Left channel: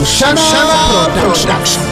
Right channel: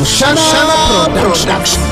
Mushana Production.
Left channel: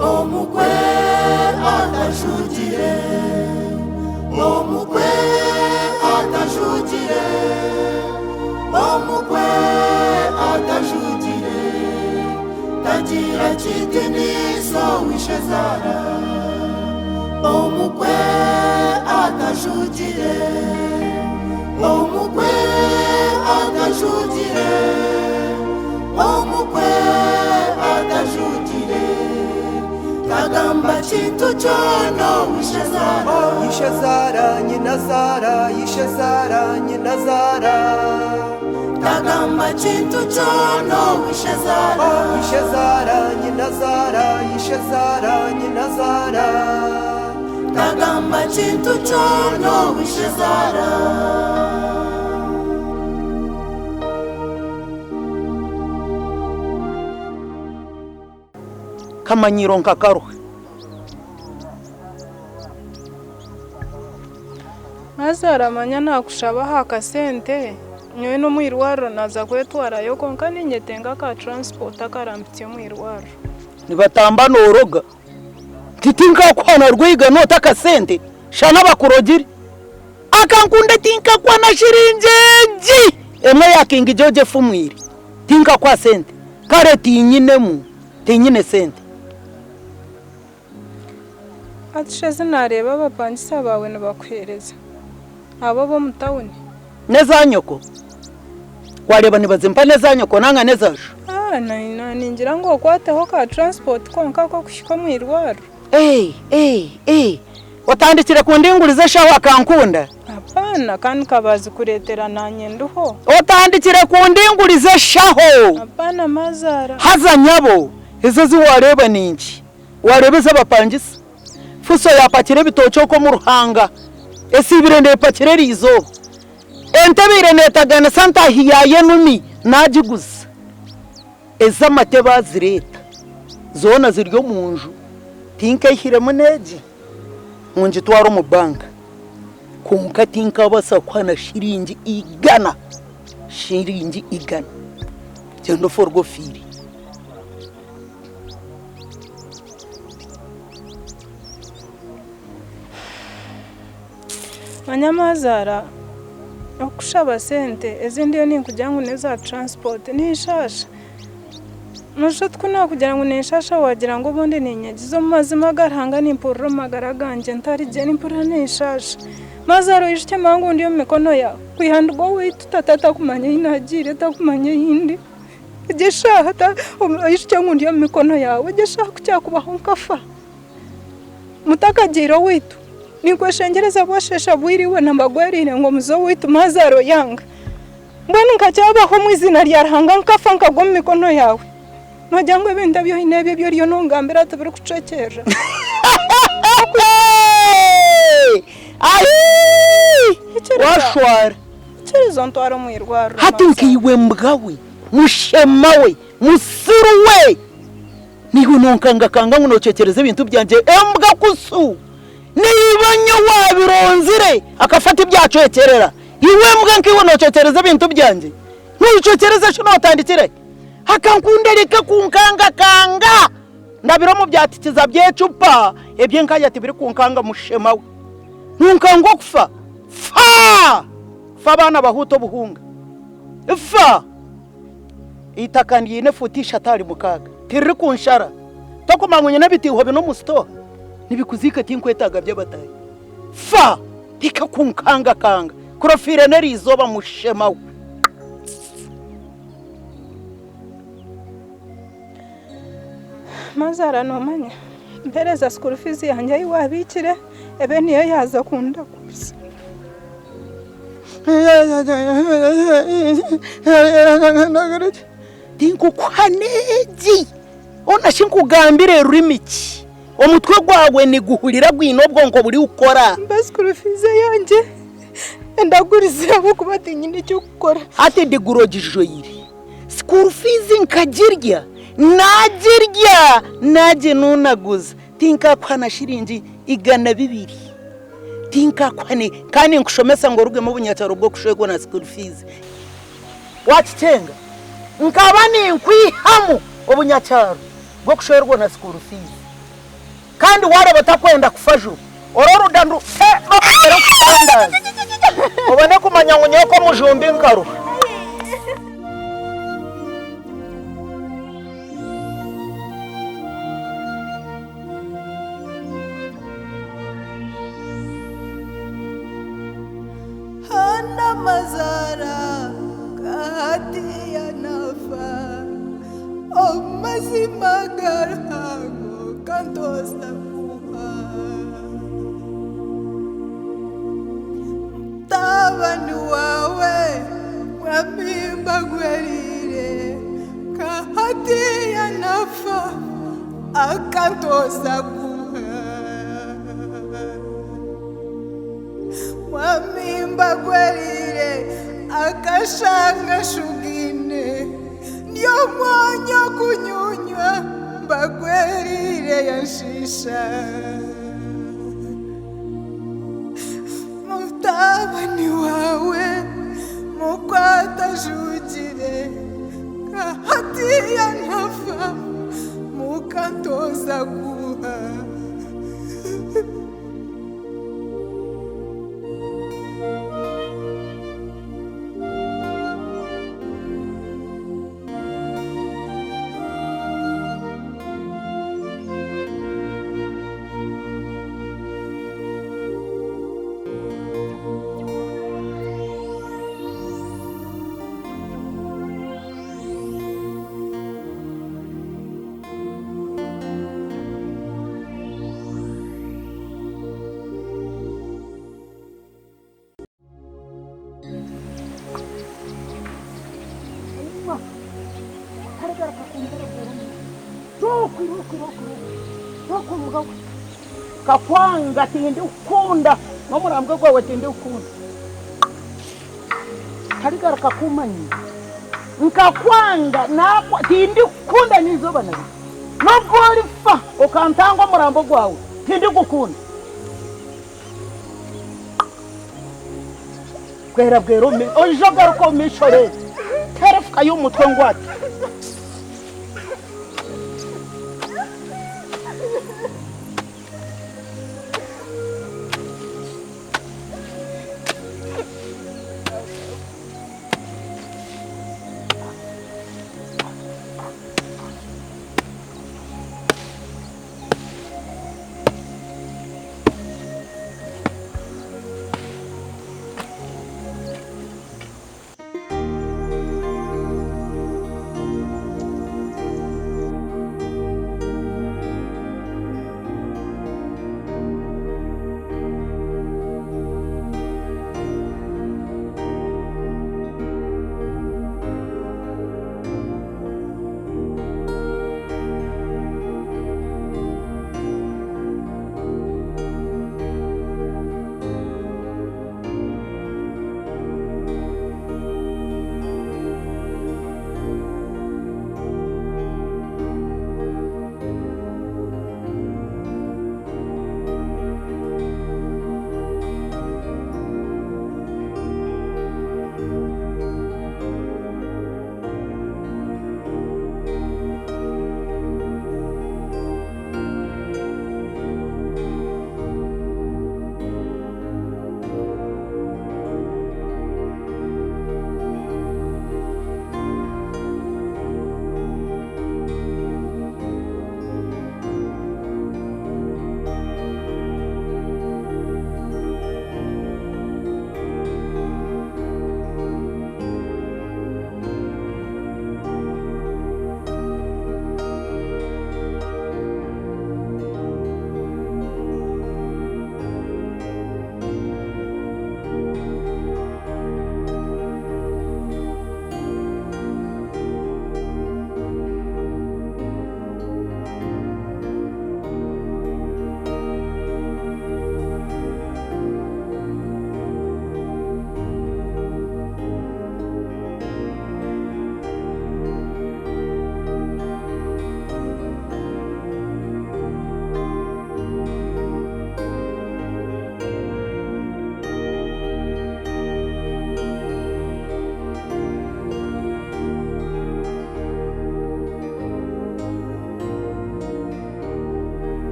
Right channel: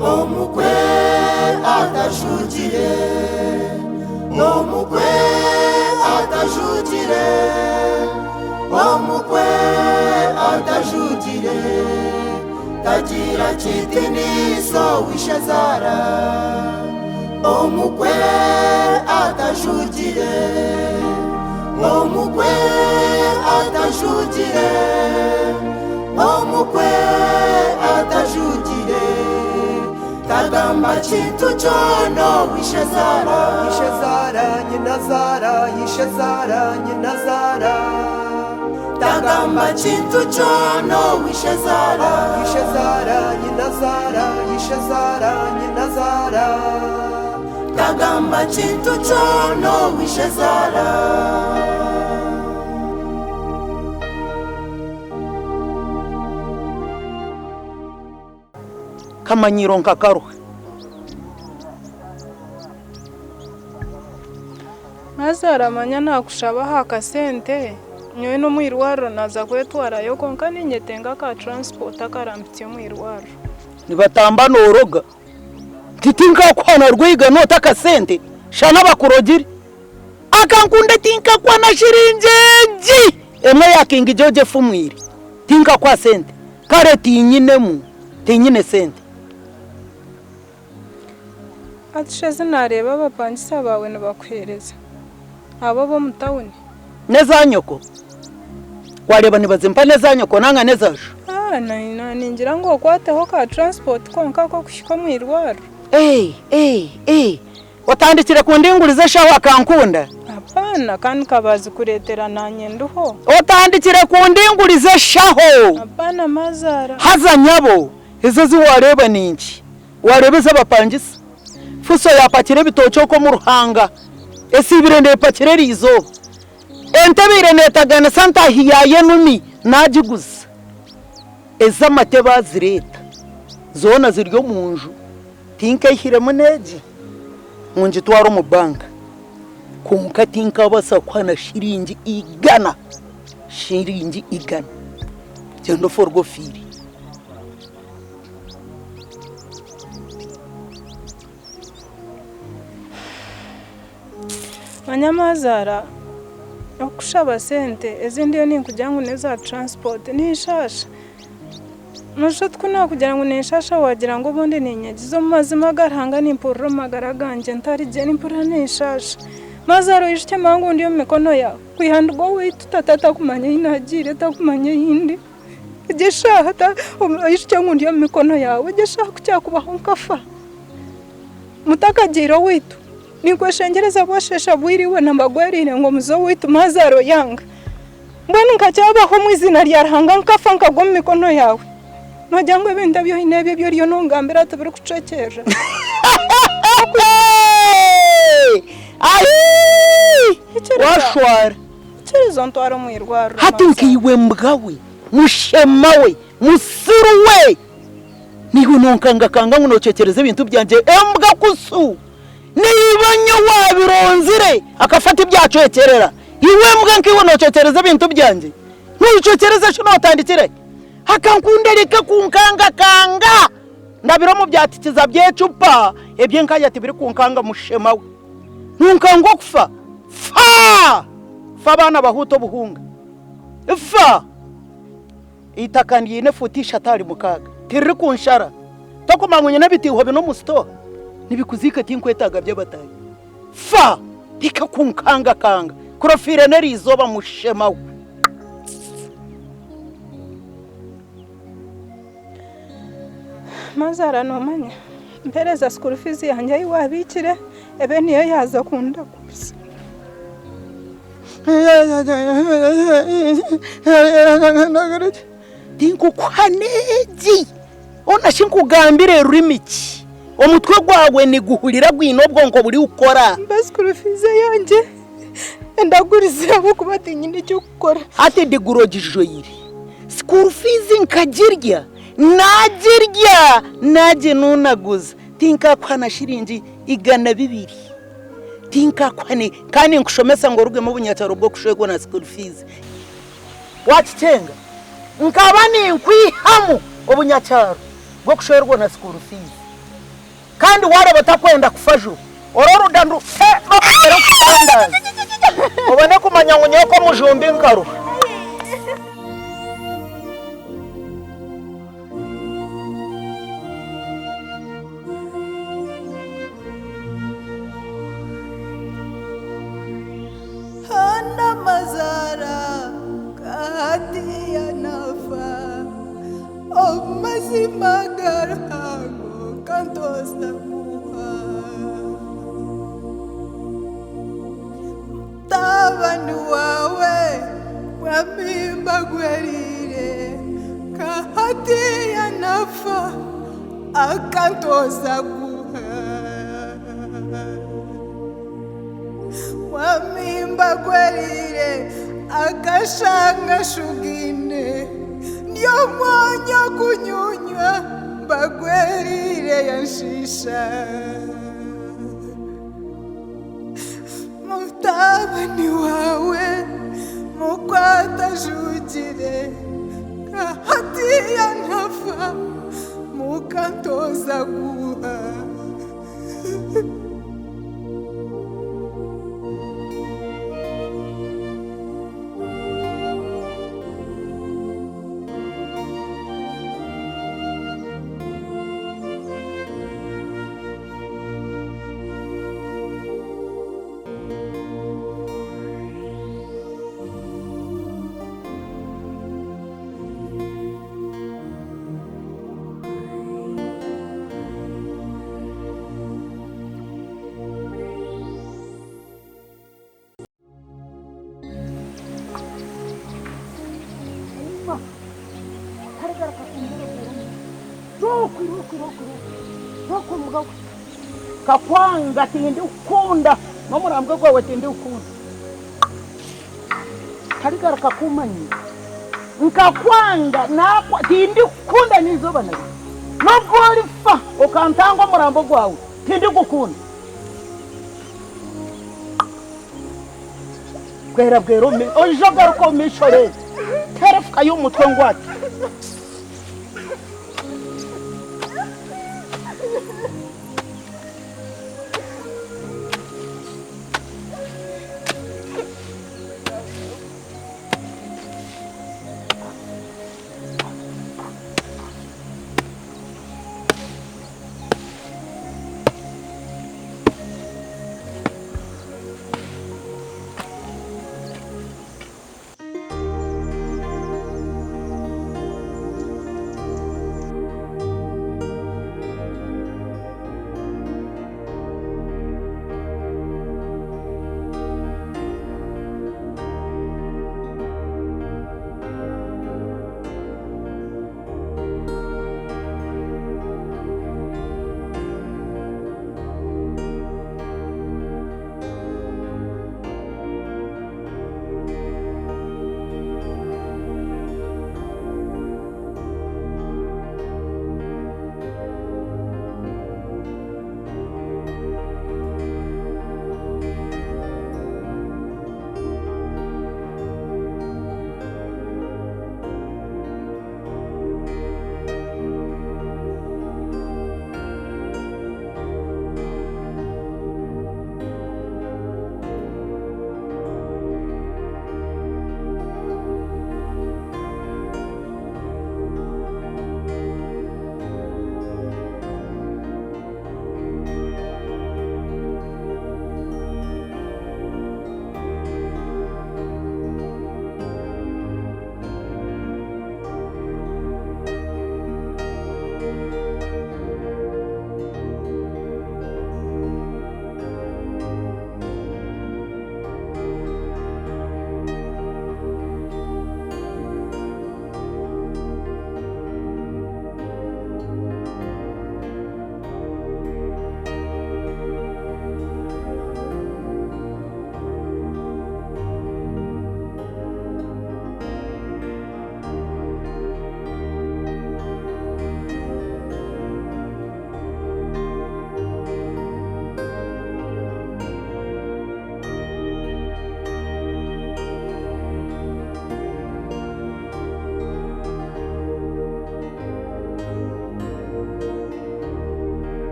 Omukwe atajugire, omukwe atajugire, omukwe atajugire, tagira chitiniso wishazara. Omukwe atajugire, omukwe atajugire, omukwe atajugire. Kagamba chintu chono wishazara, Ishazara nyinazara, Ishazara nyinazara. Kagamba chintu chono wishazara, Ishazara nyinazara, Ishazara nyinazara. Kagamba chintu chono wishazara. Kamanyiro nkakaruhe Mazaramanya nakushaba haka sente nyowe no mwirwaro naza kwetwarayo konka ninyetenga ka transport akarambitse mwirwaro nibatamba noroga titinka kwana rwiga nota kasente shana bakurogire akankunde tinka kwana shirinjeji emwe yakingi joje fumwiri tinka kwa sente kare tinyinemu tinyine sente atisheze nareba abapangisa bawe nabakwereza abo bo mutawuni neza nyoko wareba nibazimpa neza nyoko nanga neza ningira ngo kwateho ka transport konka ko kushika mwirwaro watandikire ku ndingurize shaho akankunda apana kandi kabazi kuretera nanye nduho watandikire ku ndingurize shaho apana mazara haza nyabo izo ziwareba ninki warebe z'abapangisa fuso yapakire bitocho ko mu ruhanga esibire ndepakire rizo entebire netagana santa hiyaye numi najiguza ezamate bazireta zona ziryo munju tinka ihiremo neji munji twaro mu banka kunka tinka basa kwana shiringi igana gendo forgo firi Manyamazara okushaba sente ezindi yo ninkujya ngo neza transport nishasha Nushat kuna kugira ngo nishasha wagira ngo bonde ninyagizo mazima garhanga nimpurro magara ganje ntari je nimpura nishasha Mazaro ishike mangu ndiyo mikono ya kuihandgo witu tatata kumanya inajire takumanya indi jesha hata ishike ngo ndiyo mikono yawe jesha kucyakubaho nkafa mutakajiro witu nikweshengereza bwashesha bwiriwe nambagwerire ngo muzo witu Mazaro yanga mbona nkacyabaho mwizina ryarhanga nkafa nkagwa mu mikono yawe Majangwe benda byo inebye byo ryo nongambira tabiri kucekeje washwara Chirizo ntwaro mwirwaro hatinkiwe mbgawe mushemawe musiruwe niho nonkanga kanga ngunocekereze ibintu byanje embwa kusu nibanyo wabironzire akafata ibyacokerera iwe mbwa nkiwe nocekereze ibintu byanje nucokereze cyo notandikire hakankundereka kunkanga kanga ndabiro mu byatikiza byecupa ebye nkaya tibiri kunkanga mushemawe nunkango kufa fa bana bahuto buhunga fa itakandi yine futisha atari mukaga tiri kunshara tokumangunye nabitiho bino musto nibikuzika tinkwetaga by'abatayi fa tika kunkanga kanga kurofire nerizoba mushemawe mazara nomanya mpereza school fees yanjye yiwabikire ebe niyo yaza kunda gusa dinko kwanegi ona shinkugambire rurimiki omutwe gwawe ni guhurira gwino bwonko buri ukora school fees yanjye ndagurize abo kubatinya nicyo gukora ati digurogijjo yiri school fees nkagirya najirya naje nunaguza tinka kwana shiringi igana 2 tinka kwane kandi nkushomesa ngo ruge mu bunyataro bwo kushwego na school fees wachicenga nkaba ni nkwihamu obunyataro bwo kushwerwa na school fees kandi ware batakwenda kufaju ororo dandu bakera kutandaza obone kumanya ngunyeko mujumbi nkaro Hana mazara kahati ya nafa mazima garhango kantosa kuha tabanu wawe wamimba gwerire kahati ya nafa akantosa kuha wamimba gwerire akashanga shugine ndio mwanya kunyunywa bagwerire yanshisha mutabani wawe mukwata jugire kahati ya nafa mukantoza guha kakwanga tindi ukunda nomurambwe gwawe tindi ukunda karigara kakumanyi nkakwanga nakwa tindi ukunda nizoba nari nobwo fa okantangwa murambo gwawe tindi gukunda kwera bwero me ojogaruko mishore terefuka y'umutwe ngwate